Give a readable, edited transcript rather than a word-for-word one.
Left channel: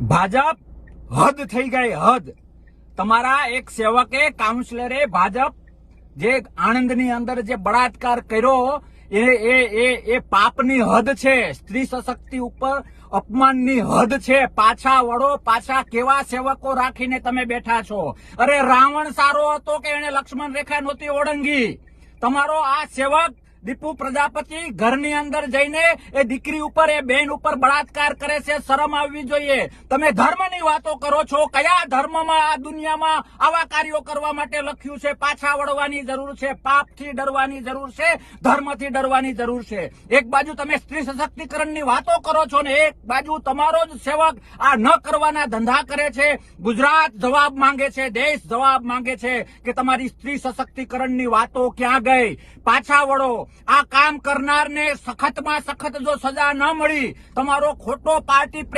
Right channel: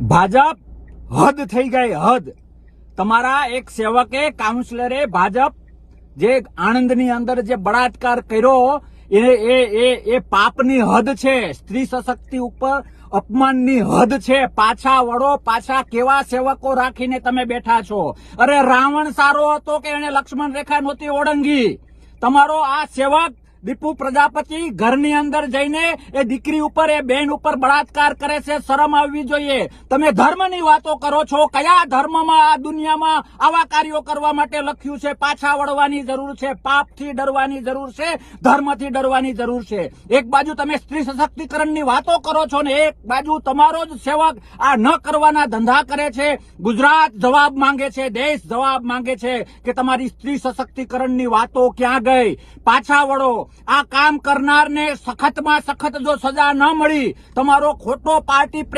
ભાજપ હદ થઈ ગઈ, હદ. તમારા એક સેવકે કાઉન્સિલરે ભાજપ જે આણંદની અંદર જે બળાત્કાર કર્યો એ પાપની હદ છે. સ્ત્રી સશક્તિ ઉપર અપમાનની હદ છે. પાછા વળો, પાછા કેવા સેવકો રાખીને તમે બેઠા છો? અરે રાવણ સારો હતો કે એને લક્ષ્મણ રેખા નહોતી ઓળંગી? તમારો આ સેવક દીપુ પ્રજાપતિ ઘરની અંદર જઈને એ દીકરી ઉપર, એ બેન ઉપર બળાત્કાર કરે છે. શરમ આવવી જોઈએ. તમે ધર્મની વાતો કરો છો. કયા ધર્મમાં આ દુનિયામાં આવા કાર્યો કરવા માટે લખ્યું છે? પાછા વળવાની જરૂર છે, પાપથી ડરવાની જરૂર છે, ધર્મથી ડરવાની જરૂર છે. એક બાજુ તમે સ્ત્રી સશક્તિકરણની વાતો કરો છો ને એક બાજુ તમારો જ સેવક આ ન કરવાના ધંધા કરે છે. ગુજરાત જવાબ માંગે છે, દેશ જવાબ માંગે છે કે તમારી સ્ત્રી સશક્તિકરણની વાતો ક્યાં ગઈ? પાછા વળો. આ કામ કરનારને સખતમાં સખત જો સજા ન મળી, તમારો ખોટો પાર્ટી